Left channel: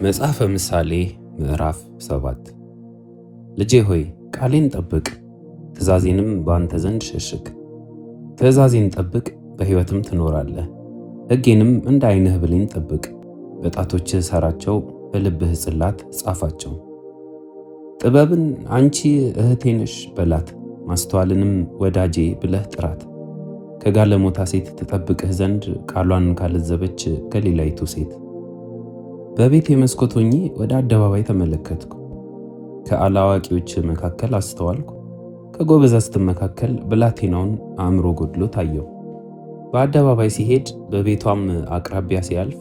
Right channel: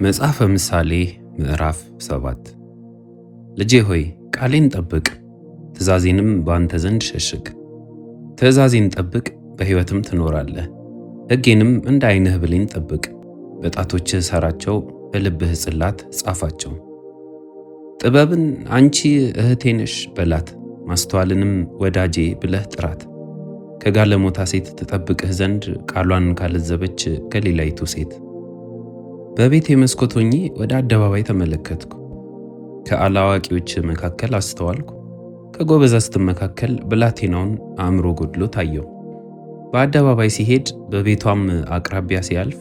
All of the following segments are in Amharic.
መጽሐፈ ምሳሌ ምዕራፍ 7 ልጄ ሆይ ቃሌን ጠብቅ፣ ትእዛዜንም በአንተ ዘንድ ሸሽግ። ትእዛዜን ጠብቅ፣ በሕይወትም ትኖራለህ። ሕጌንም እንደ ዓይንህ ብሌን ጠብቅ። በጣቶችህ ሠራቸው፣ በልብህ ጽላት ጻፋቸው። ጥበብን አንቺ እህቴ ነሽ በላት፣ ማስተዋልንም ወዳጄ ብለህ ጥራት። ከጋለሞታ ሴት ትጠብቅህ ዘንድ ቃሏን ካለዘበች ከሌላይቱ ሴት። በቤቴ መስኮት ሆኜ ወደ አደባባይ ተመለከትኩ። ከአላዋቂዎች መካከል አስተዋልኩ፣ ከጎበዛዝትም መካከል ብላቴናውን አእምሮ ጎድሎ ታየው። በአደባባይ ሲሄድ በቤቷም አቅራቢያ ሲያልፍ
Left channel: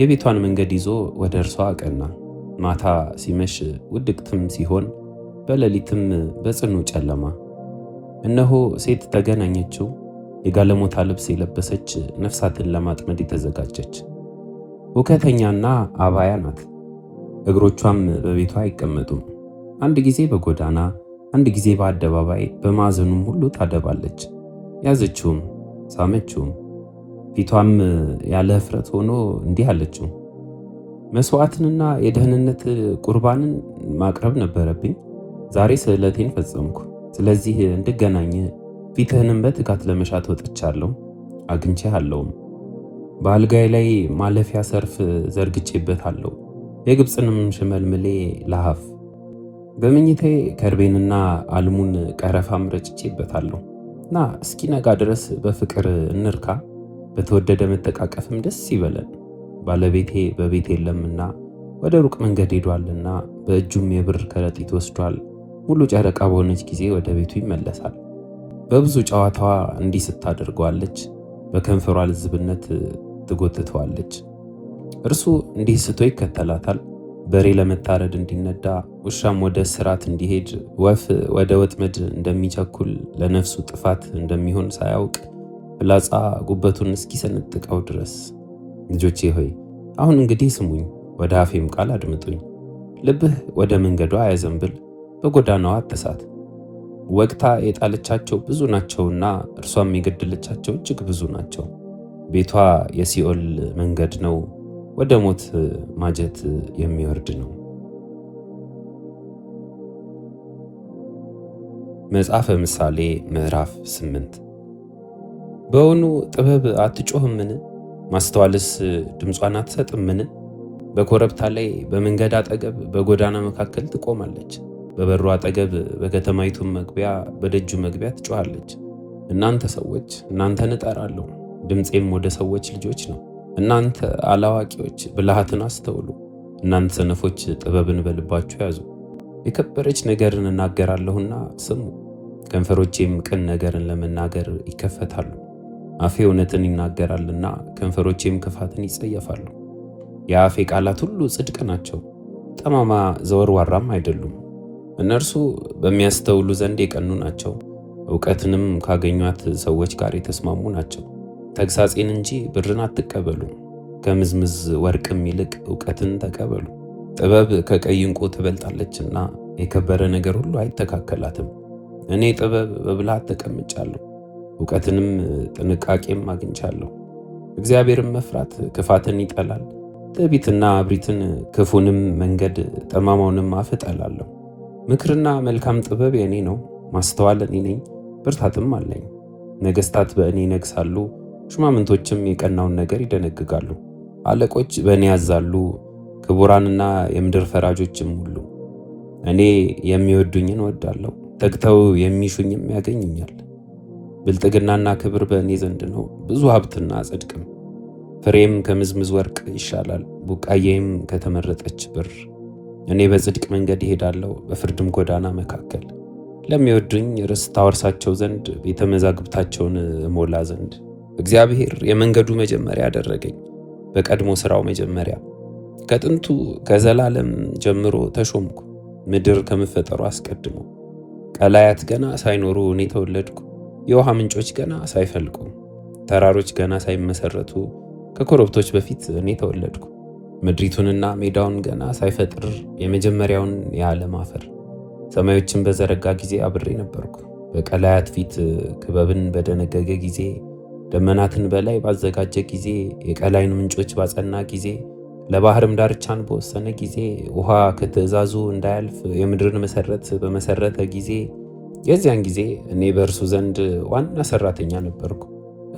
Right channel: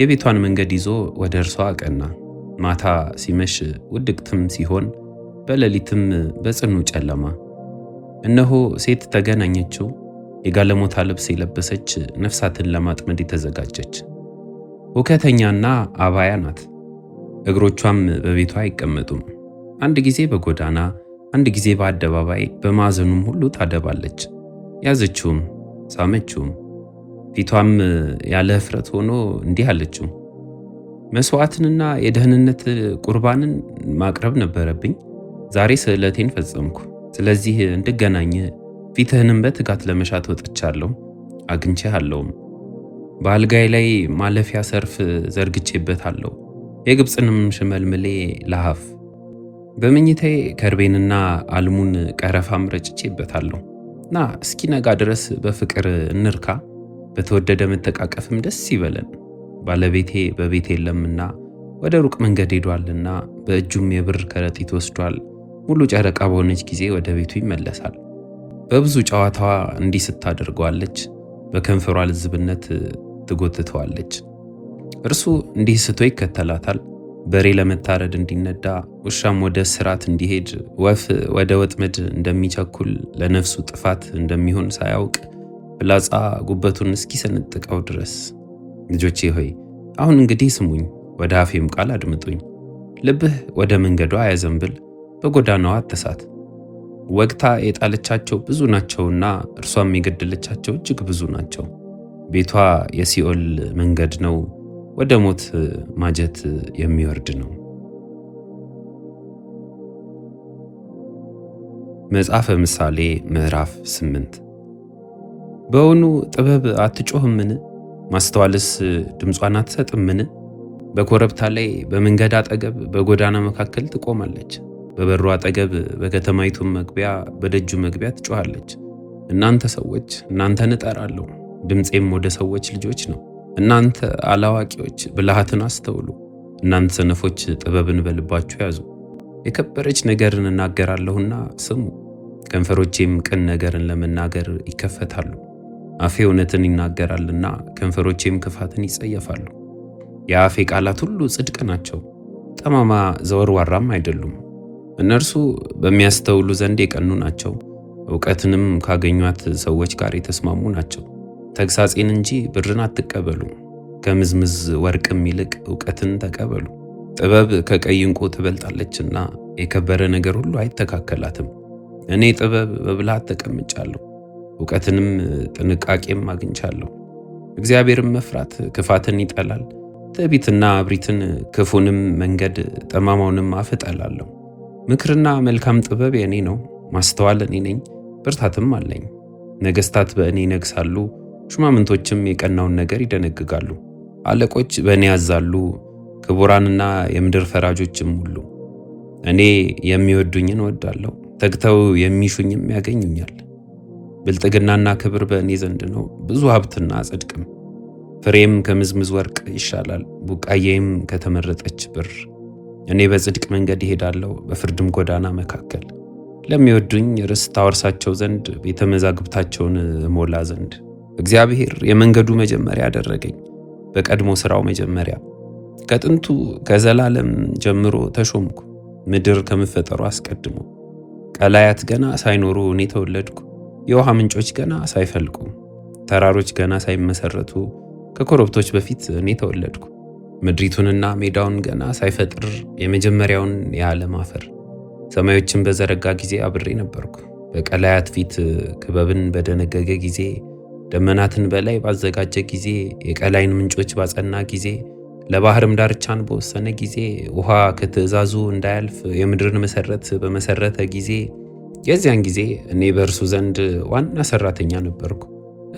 የቤቷን መንገድ ይዞ ወደ እርሷ አቀና። ማታ ሲመሽ ውድቅትም ሲሆን በሌሊትም በጽኑ ጨለማ፣ እነሆ ሴት ተገናኘችው፣ የጋለሞታ ልብስ የለበሰች ነፍሳትን ለማጥመድ የተዘጋጀች። ሁከተኛና አባያ ናት፣ እግሮቿም በቤቷ አይቀመጡም። አንድ ጊዜ በጎዳና አንድ ጊዜ በአደባባይ በማዕዘኑም ሁሉ ታደባለች። ያዘችውም ሳመችውም፣ ፊቷም ያለ እፍረት ሆኖ እንዲህ አለችው፣ መሥዋዕትንና የደህንነት ቁርባንን ማቅረብ ነበረብኝ። ዛሬ ስእለቴን ፈጸምኩ። ስለዚህ እንድገናኝ ፊትህንም በትጋት ለመሻት ወጥቻለሁ፣ አግኝቼሃለሁም። በአልጋዬ ላይ ማለፊያ ሰርፍ ዘርግቼበታለሁ፣ የግብፅንም ሽመልምሌ ለሐፍ። በመኝታዬ ከርቤንና አልሙን ቀረፋም ረጭቼበታለሁ። ና እስኪነጋ ድረስ በፍቅር እንርካ፣ በተወደደ መጠቃቀፍም ደስ ይበለን። ባለቤቴ በቤት የለምና ወደ ሩቅ መንገድ ሄዷልና፣ በእጁም የብር ከረጢት ወስዷል። ሙሉ ጨረቃ በሆነች ጊዜ ወደ ቤቱ ይመለሳል። በብዙ ጨዋታዋ እንዲህ ስታደርገዋለች፣ በከንፈሯ ልዝብነት ትጎትተዋለች። እርሱ እንዲህ ስቶ ይከተላታል፣ በሬ ለመታረድ እንዲነዳ፣ ውሻም ወደ እስራት እንዲሄድ፣ ወፍ ወደ ወጥመድ እንደሚቸኩል፣ ለነፍሱ ጥፋት እንደሚሆን ሳያውቅ ፍላጻ ጉበቱን እስኪሰነጥቀው ድረስ። ልጆቼ ሆይ አሁን እንግዲህ ስሙኝ፣ ወደ አፌም ቃል አድምጡኝ። ልብህ ወደ መንገዷ አያዘንብል፣ በጎዳናዋ አትሳት። ወግታ የጣለቻቸው ብዙ ናቸውና እርሷም የገደለቻቸው እጅግ ብዙ ናቸው። ቤቷ የሲኦል መንገድ ነው፣ ወደ ሞት ማጀት የሚወርድ ነው። መጽሐፈ ምሳሌ ምዕራፍ 8 በውኑ ጥበብ አትጮህምን? ማስተዋልስ ድምጿን አትሰጥምን? በኮረብታ ላይ በመንገድ አጠገብ በጎዳና መካከል ትቆማለች። በበሩ አጠገብ በከተማይቱም መግቢያ በደጁ መግቢያ ትጮኻለች። እናንተ ሰዎች እናንተን እጠራለሁ፣ ድምፄም ወደ ሰዎች ልጆች ነው። እናንተ አላዋቂዎች ብልሃትን አስተውሉ፣ እናንተ ሰነፎች ጥበብን በልባችሁ ያዙ። የከበረች ነገርን እናገራለሁና ስሙ፣ ከንፈሮቼም ቅን ነገርን ለመናገር ይከፈታሉ። አፌ እውነትን ይናገራልና ከንፈሮቼም ክፋትን ይጸየፋሉ። የአፌ ቃላት ሁሉ ጽድቅ ናቸው፣ ጠማማ ዘወርዋራም አይደሉም። እነርሱ በሚያስተውሉ ዘንድ የቀኑ ናቸው፣ እውቀትንም ካገኟት ሰዎች ጋር የተስማሙ ናቸው። ተግሳጼን እንጂ ብርን አትቀበሉ፣ ከምዝምዝ ወርቅም ይልቅ እውቀትን ተቀበሉ። ጥበብ ከቀይ ዕንቁ ትበልጣለችና የከበረ ነገር ሁሉ አይተካከላትም። እኔ ጥበብ በብልሃት ተቀምጫለሁ፣ እውቀትንም ጥንቃቄም አግኝቻለሁ። እግዚአብሔርን መፍራት ክፋትን ይጠላል፣ ትዕቢትና እብሪትን፣ ክፉንም መንገድ ጠማማውንም አፍ እጠላለሁ። ምክርና መልካም ጥበብ የኔ ነው፣ ማስተዋል እኔ ነኝ፣ ብርታትም አለኝ። ነገሥታት በእኔ ይነግሣሉ፣ ሹማምንቶችም የቀናውን ነገር ይደነግጋሉ። አለቆች በእኔ ያዛሉ፣ ክቡራንና የምድር ፈራጆችም ሁሉ። እኔ የሚወዱኝን እወዳለሁ፣ ተግተው የሚሹኝም ያገኙኛል። ብልጥግናና ክብር በእኔ ዘንድ ነው፣ ብዙ ሀብትና ጽድቅም። ፍሬም ከምዝምዝ ወርቅ ይሻላል፣ ቡቃዬም ከተመረጠች ብር። እኔ በጽድቅ መንገድ ይሄዳለሁ፣ በፍርድም ጎዳና መካከል። ለሚወዱኝ ርስት አወርሳቸው ዘንድ ቤተ መዛግብታቸውን እሞላ ዘንድ። እግዚአብሔር የመንገዱ መጀመሪያ አደረገኝ፣ በቀድሞ ሥራው መጀመሪያ። ከጥንቱ ከዘላለም ጀምሮ ተሾምኩ፣ ምድር ከመፈጠሩ አስቀድሞ። ቀላያት ገና ሳይኖሩ እኔ ተወለድኩ፣ የውሃ ምንጮች ገና ሳይፈልቁ። ተራሮች ገና ሳይመሠረቱ ከኮረብቶች በፊት እኔ ተወለድኩ። ምድሪቱንና ሜዳውን ገና ሳይፈጥር የመጀመሪያውን የዓለም አፈር። ሰማዮችን በዘረጋ ጊዜ አብሬ ነበርኩ። በቀላያት ፊት ክበብን በደነገገ ጊዜ፣ ደመናትን በላይ ባዘጋጀ ጊዜ፣ የቀላይን ምንጮች ባጸና ጊዜ፣ ለባህርም ዳርቻን በወሰነ ጊዜ ውሃ ከትእዛዙ እንዳያልፍ የምድርን መሰረት በመሰረተ ጊዜ የዚያን ጊዜ እኔ በእርሱ ዘንድ ዋና ሰራተኛ ነበርኩ።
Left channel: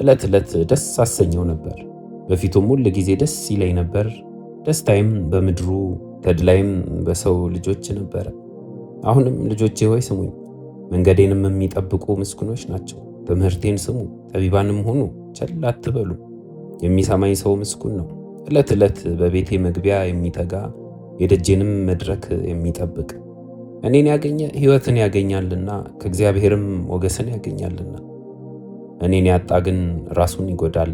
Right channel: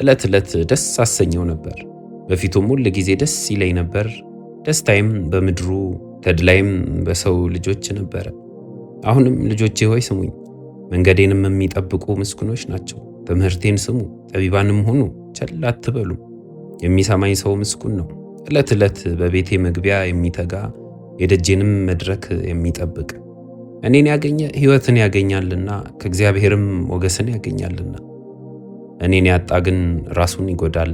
ዕለት ዕለት ደስ አሰኘው ነበር፣ በፊቱም ሁል ጊዜ ደስ ይለኝ ነበር። ደስታይም በምድሩ ተድላይም በሰው ልጆች ነበረ። አሁንም ልጆቼ ሆይ ስሙኝ፣ መንገዴንም የሚጠብቁ ምስጉኖች ናቸው። ትምህርቴን ስሙ፣ ጠቢባንም ሁኑ፣ ቸል አትበሉ። የሚሰማኝ ሰው ምስጉን ነው። ዕለት ዕለት በቤቴ መግቢያ የሚተጋ የደጄንም መድረክ የሚጠብቅ እኔን ያገኘ ሕይወትን ያገኛልና ከእግዚአብሔርም ሞገስን ያገኛልና። እኔን ያጣ ግን ራሱን ይጎዳል።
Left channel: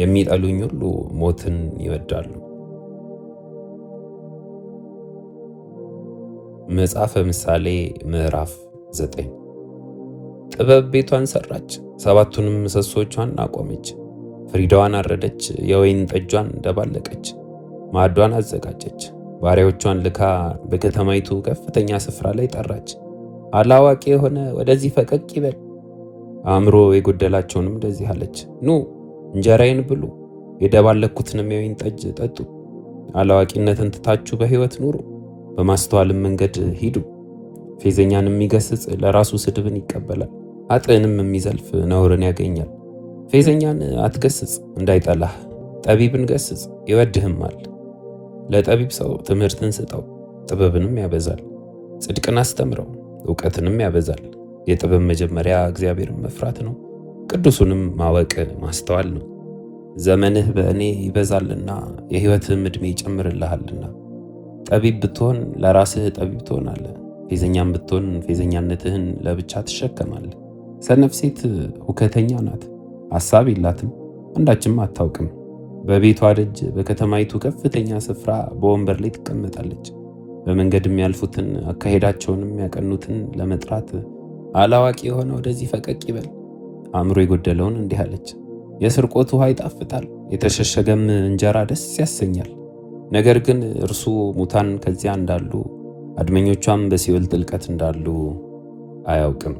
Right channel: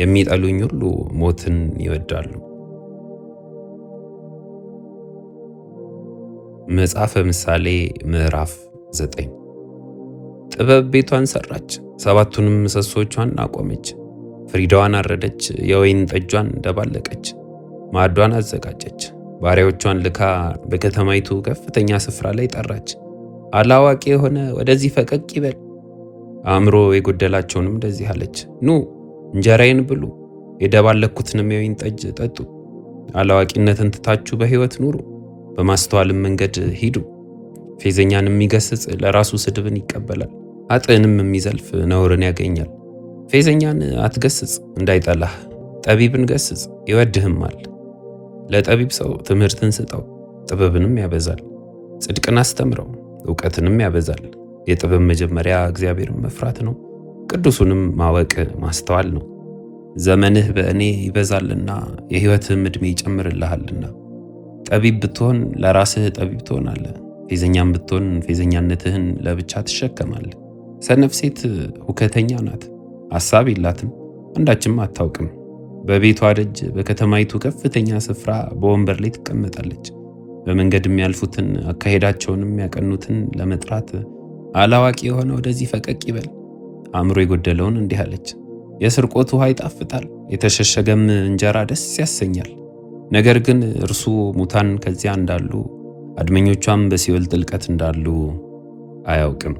የሚጠሉኝ ሁሉ ሞትን ይወዳሉ። መጽሐፈ ምሳሌ ምዕራፍ 9 ጥበብ ቤቷን ሰራች፣ 7ቱንም ምሰሶቿን አቆመች። ፍሪዳዋን አረደች፣ የወይን ጠጇን ደባለቀች፣ ማዕዷን አዘጋጀች። ባሪያዎቿን ልካ በከተማይቱ ከፍተኛ ስፍራ ላይ ጠራች። አላዋቂ የሆነ ወደዚህ ፈቀቅ ይበል፣ አእምሮ የጎደላቸውንም እንደዚህ አለች፣ ኑ እንጀራዬን ብሉ፣ የደባለኩትንም የወይን ጠጅ ጠጡ። አላዋቂነትን ትታችሁ በሕይወት ኑሩ፣ በማስተዋልም መንገድ ሂዱ። ፌዘኛን የሚገስጽ ለራሱ ስድብን ይቀበላል፣ ኃጥእንም የሚዘልፍ ነውርን ያገኛል። ፌዘኛን አትገስጽ እንዳይጠላህ፣ ጠቢብን ገስጽ ይወድህማል። ለጠቢብ ሰው ትምህርትን ስጠው፣ ጥበብንም ያበዛል። ጽድቅን አስተምረው፣ እውቀትንም ያበዛል። የጥበብ መጀመሪያ እግዚአብሔርን መፍራት ነው፣ ቅዱሱንም ማወቅ ማስተዋል ነው። ዘመንህ በእኔ ይበዛልና የሕይወትህም ዕድሜ ይጨምርልሃልና። ጠቢብ ብትሆን ለራስህ ጠቢብ ትሆናለህ፣ ፌዘኛም ብትሆን ፌዘኛነትህን ለብቻ ትሸከማለህ። ሰነፍ ሴት ሁከተኛ ናት፣ ሐሳብ የላትም፣ አንዳችም አታውቅም። በቤቷ ደጅ በከተማይቱ ከፍተኛ ስፍራ በወንበር ላይ ትቀመጣለች። በመንገድ የሚያልፉትን አካሄዳቸውንም ያቀኑትን ለመጥራት አላዋቂ የሆነ ወደዚህ ፈቀቅ ይበል። አእምሮ የጎደለውን እንዲህ አለች፣ የስርቆት ውሃ ይጣፍጣል፣ የተሸሸገም እንጀራ ደስ ያሰኛል። ነገር ግን እርሱ ሙታን ከዚያ እንዳሉ አድመኞቿም በሲኦል ጥልቀት እንዳሉ አያውቅም።